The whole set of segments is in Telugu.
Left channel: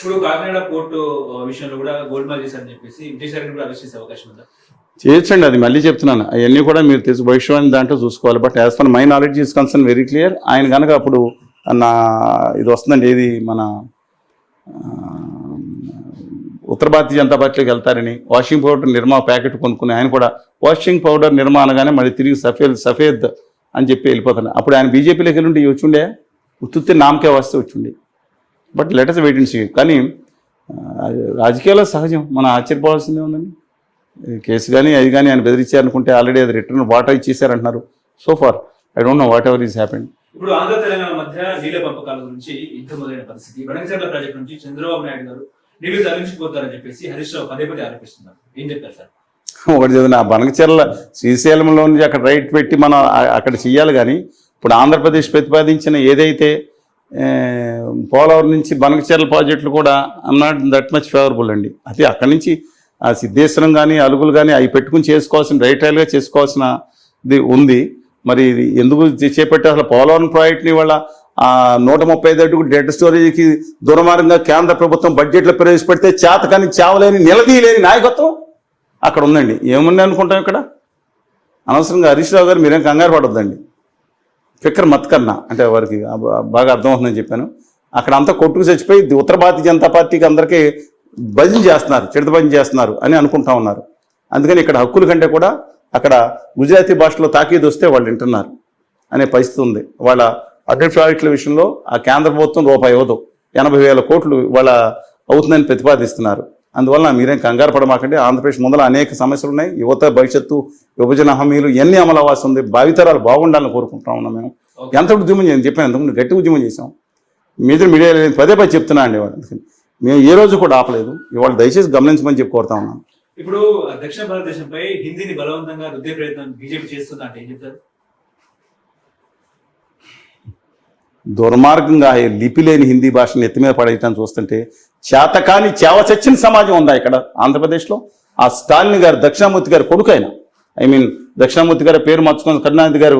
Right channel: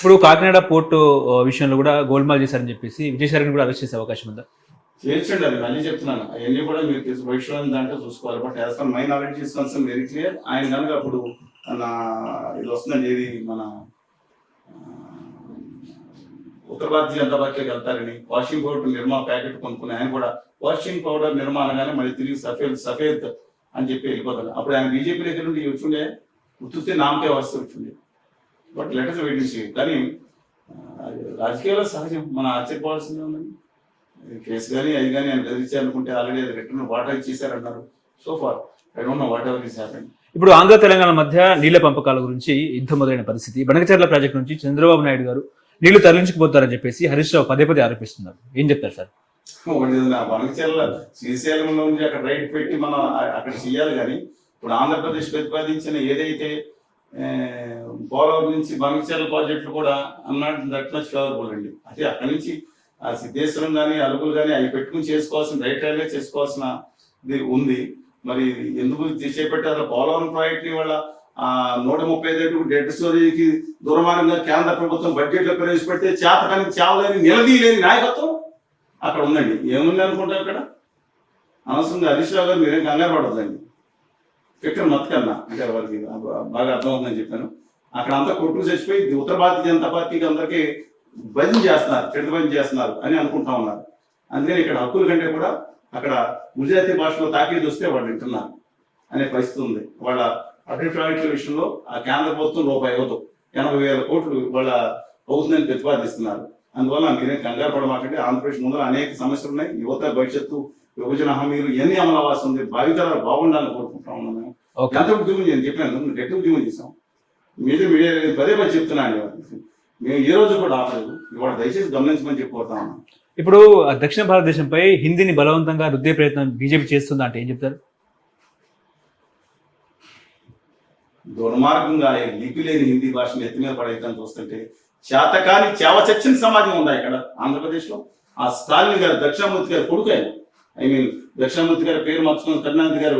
ఇప్పుడు కాకినాడ పోర్టు విషయంలో కూడా గోల్మాల్ చేశారని చెప్పేసి విజయసాయిని కూడా అరెస్ట్ చేసే అవకాశం ఉందా? చేయొచ్చండి, అది మళ్ళీ చెప్తున్నాను. అవన్నీ కూడా మీరు తెలిసి భవిష్యవాణి దాంట్లో చూసుకోవాలి. But as for my knowledge is concern very clear. ఆయన కనుక అప్పుడు నా ఇది వస్తుందండి, ఏది మన ఉత్తర భారతీయ జనతా పార్టీలోకి వెళ్తారని వాషింగ్ పౌడర్ నిర్మా ప్యాకెట్ కొనుక్కుని ఆయన కూడా వాషింగ్ పౌడర్ నిర్మా అనగానే మళ్ళీ తిరిగి సఫేద్ అని చెప్పి వెళ్ళిపోతాను. అప్పుడు ఆయన బీజేపీలోకి వెళ్ళి వచ్చుండే, ఉత్తుత్తి నామకే వస్తే వచ్చిండే. But letters wait and see. కానీ రాజకీయాల్లో సహజం, మనం ఆశ్చర్యపోవాల్సిందే ఉందండి. కేసు కానీ అది కానీ ఆయన బెదిరించారనుకుంటే ఆల్రెడీ అది రిటర్న్ వాటా ఇచ్చేసారంటున్నారు. So far I don't know whatever is happened. ఇప్పుడు ఆంధ్ర తెలంగాణ మధ్య నీళ్ల పంపకాల గురించి యుద్ధం మొదలైన పరిస్థితి. బనకచర్ల ప్రాజెక్టు నుంచి చంద్రబాబు నాయుడు గారు నీళ్లు తరలించుకుపోతారని చెప్పేసి హరీష్ రావు పదే ఆరోపిస్తున్నారు. ఏం చెప్తారు సార్? ఒకటి చదివిన బనకచర్ల శ్రీశైలంలో నుంచి అక్కడ రైట్ పెట్టి మనం అక్కడ చెయ్యాలి. కానీ ఇప్పుడు ఆంధ్రప్రదేశ్ ప్రతిపాదించిన ఏదైతే పోలవరం నుంచి బనకచర్ల ప్రాజెక్టులు కూడా నాట్ దట్ మచ్ ఫేవరబుల్ అండి. అది అక్కడి నుంచి ఆ సిద్ధేశ్వరం కానీ అలుగులు కానీ అవి పెట్టుకుని చేసుకోవాల్సిన రైల్గా చేసుకోవాల్సిన ఇది ఉంది. మరి ఇది ఎందుకు చేపట్టే అసలు పోలవరం ప్రాజెక్ట్ని వాళ్ళ 135 అడుగులు డెడ్ స్టోరేజ్కి దుర్మార్గంగా కేంద్ర ప్రభుత్వం బడ్జెట్లో ప్రవేశపెడితే చేత కానీ చావలేని నిలదీయలేని నాయకత్వం అక్కడ ఉందండి. ఏముంది అనుకుంటాం ఇక్కడ? అనవసరంగా హరీష్ రావు గారు మీరేం కంగారు పడొద్దండి. ఫిక్కర్ మత్కన్నా అంటే వారికి బాగా అర్థమవుతుందని చెప్పాను. అక్కడ అంతా కొట్టుకు చచ్చిపోయి ఉత్తర భారతీయ జనతా పార్టీకి అందరికీ భజన చేస్తున్నారు, చెడుత భజన చేస్తున్నారు అని అనుకుంటా ఉన్నారు. అందుకని ఇక్కడ హక్కుల కంటే కూడా అక్కడ గుజరాతీ భాషలో తాకీదు వస్తే వాళ్ళు వింటున్నారు అనే పరిస్థితి ఉంది. వాళ్ళ అడ్డెడ్ ప్రాజెక్టుల విషయంలో ఆ కేంద్ర ప్రభుత్వం రూపాయి ఇవ్వదు, 80,000 కోట్లు వాళ్ళ అవుతుందని ప్రతిపాదిస్తున్నారు. అందువల్ల మీరేం కంగారు పడమాకండి. ఆంధ్రప్రదేశ్ ముందర అనేక సమస్యలు ఉన్నాయి. యువత భవిష్యత్తు, విభజన హామీలు ఇవన్నీ అమలు అవ్వాల్సి ఉంది. భావితరాలు బాగుండాలని కోరుకుంటా ఉన్నాం. మేము ఎంత ఉద్యమం చేయాలని చెప్పాను, ఎంతమంది గట్టి ఉద్యమం చేసాం. మీడియా పదే చెప్తున్నా అండి. మేము ఏ రోజు కూడా ఆపలేదు. ఇవాళ దయచేసి గమనించమని చెప్పి కోరుతా ఉన్నాం. ఇప్పుడు దక్షిణ భారతదేశంపై హిందీని బలవంతంగా రుద్దే ప్రయత్నం బీజేపీ చేస్తుందా అంటే ఏం చెప్తారు? దుర్మార్గంగా లిపి లేని హిందీ భాషను ఎత్తి మీద పడేయటాన్ని చూస్తుంటే చేతకాని చేవ చచ్చిన సమాజం ఉందా ఇక్కడ ఆంధ్రప్రదేశ్లో? ఆ స్టాలిన్ గారు దక్షిణామూర్తి గారు కొడుకైన, దక్షిణామూర్తి గారి పేరు మార్చుకున్న కరుణానిధి గారు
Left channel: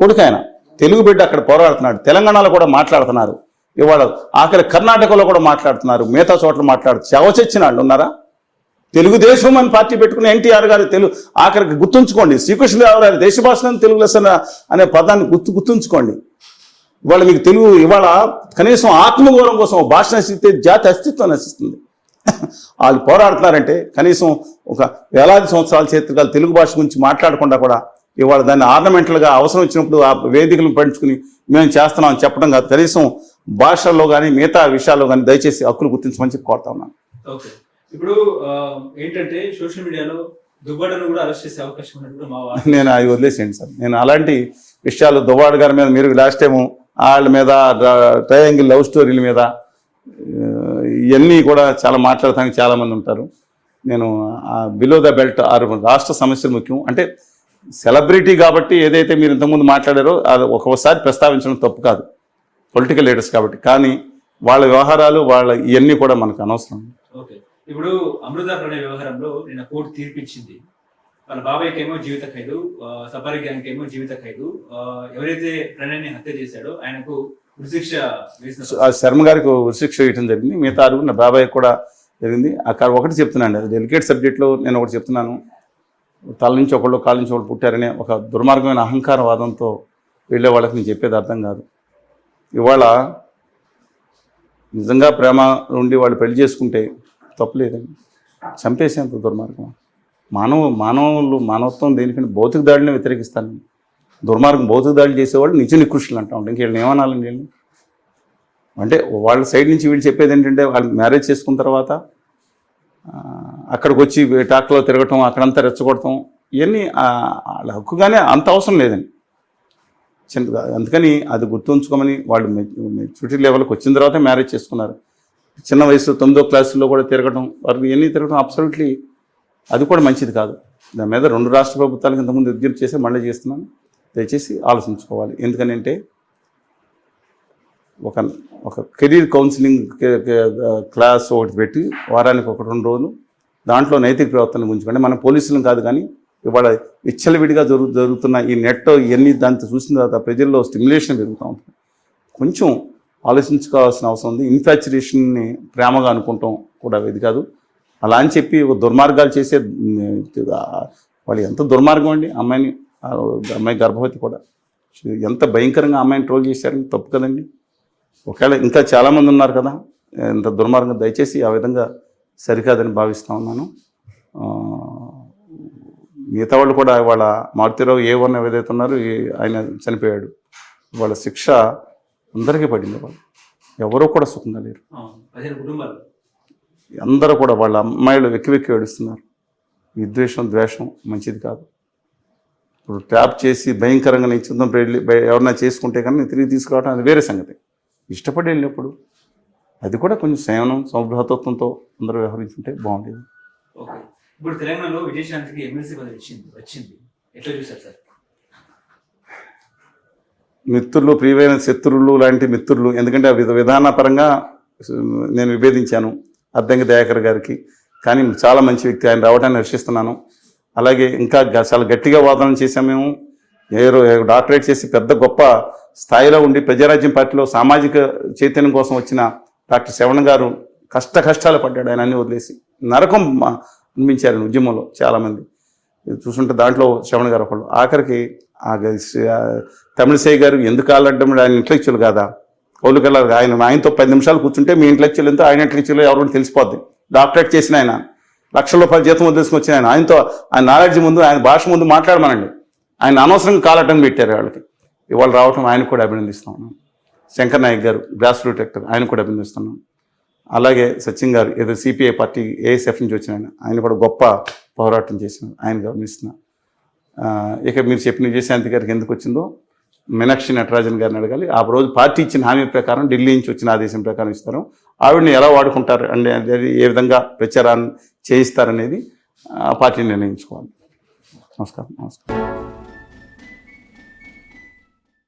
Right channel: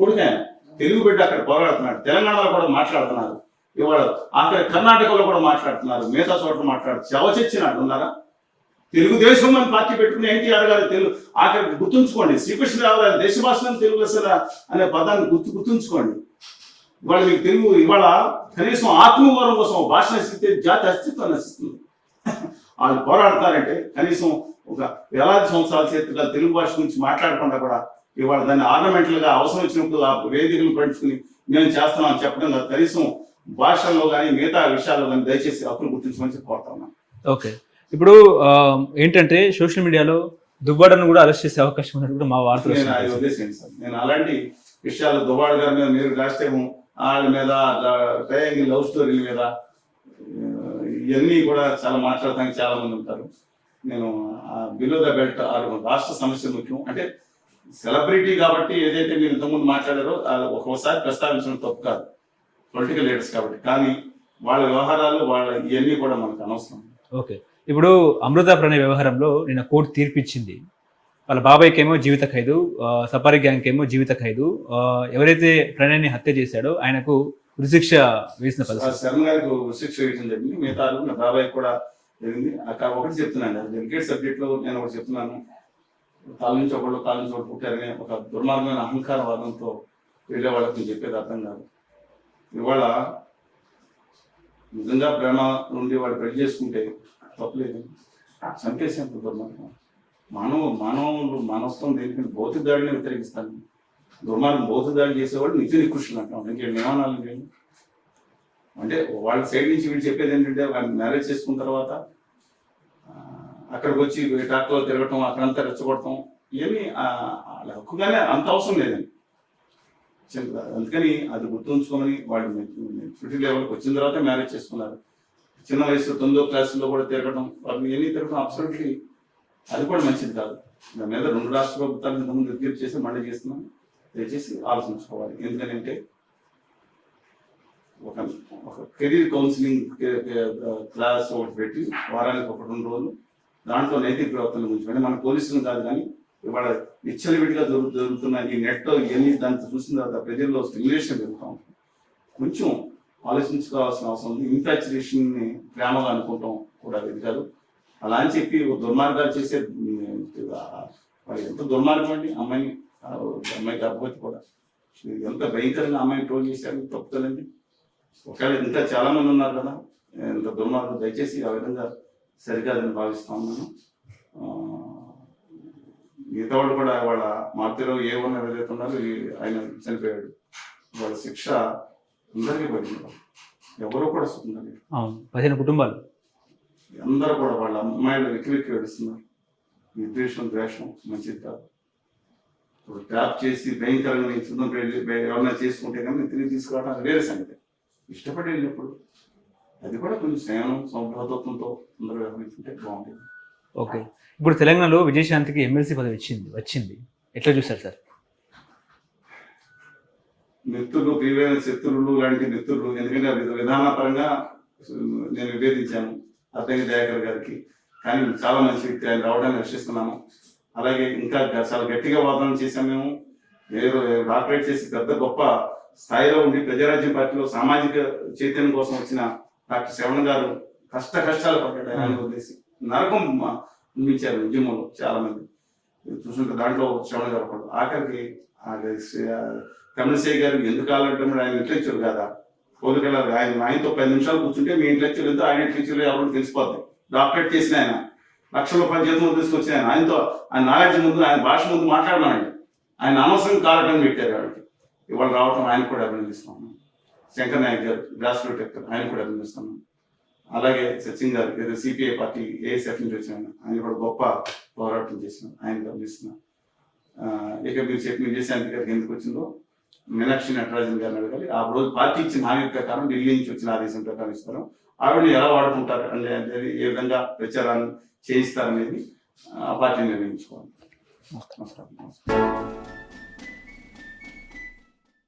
కొడుకైన తెలుగు బిడ్డ అక్కడ పోరాడుతున్నాడు. తెలంగాణలో కూడా మాట్లాడుతున్నారు. ఇవాళ ఆఖరి కర్ణాటకలో కూడా మాట్లాడుతున్నారు. మిగతా చోట్ల చెవ చచ్చిన వాళ్ళు ఉన్నారా? తెలుగుదేశం అని పార్టీ పెట్టుకుని ఎన్టీఆర్ గారు తెలుగు ఆఖరికి గుర్తుంచుకోండి. శ్రీకృష్ణదేవరాయలు గారి దేశ భాషలను తెలుగు లెసన అనే పదాన్ని గుర్తుంచుకోండి. ఇవాళ మీకు తెలుగు ఇవాళ కనీసం ఆత్మగౌరవం కోసం భాష నశిస్తే జాతి అస్తిత్వం నశిస్తుంది. వాళ్ళు పోరాడుతున్నారంటే కనీసం ఒక వేలాది సంవత్సరాల చేతులు తెలుగు భాష గురించి మాట్లాడకుండా కూడా ఇవాళ దాన్ని ఆర్నమెంటల్గా అవసరం వచ్చినప్పుడు ఆ వేదికలను పంచుకుని మేము చేస్తున్నాం చెప్పడం కాదు, కనీసం భాషల్లో కానీ మిగతా విషయాల్లో కానీ దయచేసి హక్కులు గుర్తించమని చెప్పి కోరుతా ఉన్నాను. ఓకే, ఇప్పుడు ఏంటంటే సోషల్ మీడియాలో దువ్వాడను కూడా అరెస్ట్ చేసే అవకాశం ఉన్నట్టు కూడా మా వార్త. నేను అది వదిలేసేయండి సార్. నేను అలాంటి విషయాలు దువ్వాడ గారి మీద మీరు లాస్ట్ టైము వాళ్ళ మీద ట్రయాంగిల్ లవ్ స్టోరీల మీద ఇవన్నీ కూడా చాలా మాట్లాడటానికి చాలామంది ఉంటారు. నేను బిలో ద బెల్ట్ రాష్ట్ర సమస్యలు ముఖ్యం అంటే సెలబ్రిటీ కాబట్టి ఏదైతే మీరు ఇంతకుముందు మాట్లాడారో అది ఒక్కోసారి ప్రస్తావించడం తప్పు కాదు, పొలిటికల్ లీడర్స్ కాబట్టి. కానీ వాళ్ళ వ్యవహారాలు వాళ్ళ ఇవన్నీ కూడా మనకు అనవసరం. ఓకే, ఇప్పుడు అమృత ప్రణయ్ వ్యవహారంలో నిన్న కోర్టు తీర్పిచ్చింది. వాళ్ళ బాబాయ్కి ఏమో జీవిత ఖైదు, సఫారీ గ్యాంగ్ ఏమో జీవిత ఖైదు. ఎవరైతే ప్రణయ్ని హత్య చేశాడో ఆయనకు ఉరిశిక్ష వేసిన శర్మ గారికి ఉరిశిక్ష వేయడం జరిగింది. మిగతా అడుగున్న బాబాయ్ కూడా జరిగింది. అక్కడ ఒకటి చెప్తున్నాను, అది డెలికేట్ సబ్జెక్ట్లో నేను ఒకటి చెప్తున్నాను. తల నుంచి ఒకళ్ళు కాళ్ళ నుంచి ఒకళ్ళు పుట్టారనే ఒక దుర్మార్గమైన అహంకారవాదంతో వెళ్ళే వాళ్ళకి నేను చెప్పేది అర్థం కాదు. ఇవాళ నిజంగా ప్రేమ నుండి వాళ్ళు పెళ్లి చేసుకుంటే తప్పులేదండి. చంపేసేంత దుర్మార్గం. మానవత్వం దేనికంటే భౌతిక దాడిని వ్యతిరేకిస్తాను. దుర్మార్గం భౌతిక దాడి చేసేవాళ్ళు నిజ నికృష్టులు అంటా ఉంటాం. ఇంకేళ్ళని ఏమనాలండి నేను? అంటే వాళ్ళ సైడ్ నుంచి వీళ్ళు చెప్పేది ఏంటంటే వాళ్ళు మ్యారేజ్ చేసుకున్న తర్వాత అక్కడికి వచ్చి టాక్లో తిరగటం, అక్కడంతా రెచ్చగొడటం, ఇవన్నీ వాళ్ళ హక్కుగానే అంత అవసరం లేదండి. అందుకని అది గుర్తుంచుకోమని వాళ్ళు మెచ్యూరిటీ లెవెల్కి వచ్చిన తర్వాత మ్యారేజ్ చేసుకున్నారు. చిన్న వయసు 9వ క్లాసులో కూడా తిరగటం, వారికి ఇవన్నీ తిరగటం అబ్సల్యూట్లీ అది కూడా మంచిది కాదు. దాని మీద 2 రాష్ట్ర ప్రభుత్వాలకు ఇంతకుముందు విజ్ఞప్తి చేసి మళ్ళీ చేస్తున్నాను. దయచేసి ఆలోచించుకోవాలి. ఎందుకనంటే ఒక కెరీర్ కౌన్సిలింగ్ క్లాస్ ఒకటి పెట్టి వారానికి 1-2 రోజులు దాంట్లో నైతిక ప్రవర్తన గురించి, అంటే మన పోలీసులను కాదు కానీ ఇవాళ విచ్చలవిడిగా జరుగుతున్న ఈ నెట్ ఇవన్నీ దాంతో చూసిన తర్వాత ప్రజల్లో స్టిమ్యులేషన్ పెరుగుతూ ఉంటుంది. కొంచెం ఆలోచించుకోవాల్సిన అవసరం ఉంది. ఇన్ఫాచ్యురేషన్ని ప్రేమగా అనుకుంటాం కూడా ఇది కాదు. అలా అని చెప్పి దుర్మార్గాలు చేసే వాళ్ళు ఎంత దుర్మార్గం అండి. అమ్మాయి గర్భవతి కూడా ఎంత భయంకరంగా అమ్మాయిని ట్రోల్ చేశారని తప్పు కదండి. ఒకవేళ ఇంకా చాలామంది ఉన్నారు కదా ఎంత దుర్మార్గం. దయచేసి ఆ విధంగా సరికాదని భావిస్తూ ఉన్నాను. మిగతా వాళ్ళు కూడా వాళ్ళ మారుతిరావు A1 ఏదైతే ఉన్నారో ఆయన చనిపోయాడు. వాళ్ళ శిక్ష అందరికీ పడింది. వాళ్ళు ఎవరో కూడా సుఖంగా లేరు. 15 కుటుంబాలు అందరూ కూడా వాళ్ళ అమ్మాయిలు వెక్కి ఏడుస్తున్నారు. విద్వేషం ద్వేషం మంచిది కాదు. ఇప్పుడు ట్యాప్ చేసి భయంకరంగా నేను చుందం ఎవరన్నా చేసుకుంటే కానీ తిరిగి తీసుకురావడం అది వేరే సంగతి. ఇష్టపడి వెళ్ళినప్పుడు అది కూడా కొంచెం సేవనం సౌభ్రతత్వంతో అందరూ వ్యవహరించుంటే బాగుండేది. ఓకే, ఇప్పుడు తెలంగాణలో విజయశాంతికి ఎమ్మెల్సీ పదవి వచ్చింది, ఎట్లా చూస్తారు సార్? మిత్రులు, ప్రియమైన శత్రువులు లాంటి మిత్రులు. ఎందుకంటే విధానపరంగా నేను విభేదించాను అద్దంకి దయాకర్ గారికి, కానీ చాలా మంచి వ్యక్తి, ఆయన రావడాన్ని హర్షిస్తున్నాను. అలాగే ఇంకా చాలా గట్టిగా వాదన చేశాం మేము. డాక్టరేట్ చేసి పెద్ద గొప్ప స్థాయిలో ఉండి ప్రజారాజ్యం పార్టీలో సామాజిక చైతన్యం కోసం వచ్చిన డాక్టర్ శ్రవణ్ గారు కష్టాలు పడ్డాడు. ఆయన అన్ని వదిలేసి నరకం అనిపించారు ఉద్యమంలో చాలామంది చూసుంటే. దాంట్లో శ్రవణ్ గారు ఒకళ్ళు. ఆఖరికి తమిళిసై గారు ఎందుకు ఆలడ్డం, ఆయన ఇంటలెక్చువల్ కాదా, ఓలుకెళ్ళారు. ఆయనతో 10 నిమిషాలు కూర్చుంటే మీ ఇంటలెక్చువల్ ఎంతో ఆయన ఇంటలెక్చువల్ ఎవరు తెలిసిపోద్ది. డాక్టరేట్ చేసిన ఆయన, లక్షల రూపాయల జీతం వదిలేసుకుని వచ్చిన ఆయన నాలెడ్జ్ ముందు, ఆయన భాష ముందు మాట్లాడమనండి. ఆయన అనవసరంగా కాలటం పెట్టారు వాళ్ళకి. ఇవాళ రావటం ఆయన కూడా అభినందిస్తున్నాను. శంకర్ నాయక్ గారు గ్రాస్ రూట్ యాక్టర్, ఆయన కూడా అభినందిస్తున్నాను. అలాగే సచిన్ గారు ఏదో CPI పార్టీ ASF నుంచి వచ్చిన ఆయన కూడా గొప్ప పోరాటం చేసిన ఆయన గమనిస్తున్నా. ఇక మీరు చెప్పిన విజయశాంతి గారికి ఎందుకు వచ్చిందో మీనాక్షి నటరాజన్ గారిని అడగాలి. ఆ రోజు పార్టీ ఇచ్చిన హామీ ప్రకారం ఢిల్లీ నుంచి వచ్చిన ఆదేశం ప్రకారం ఇస్తారు. ఆవిడని ఎలా వాడుకుంటారు అంటే ఏ విధంగా ప్రచారాన్ని చేయిస్తారనేది ఆ పార్టీ నిర్ణయించుకోవాలి. నమస్కారం.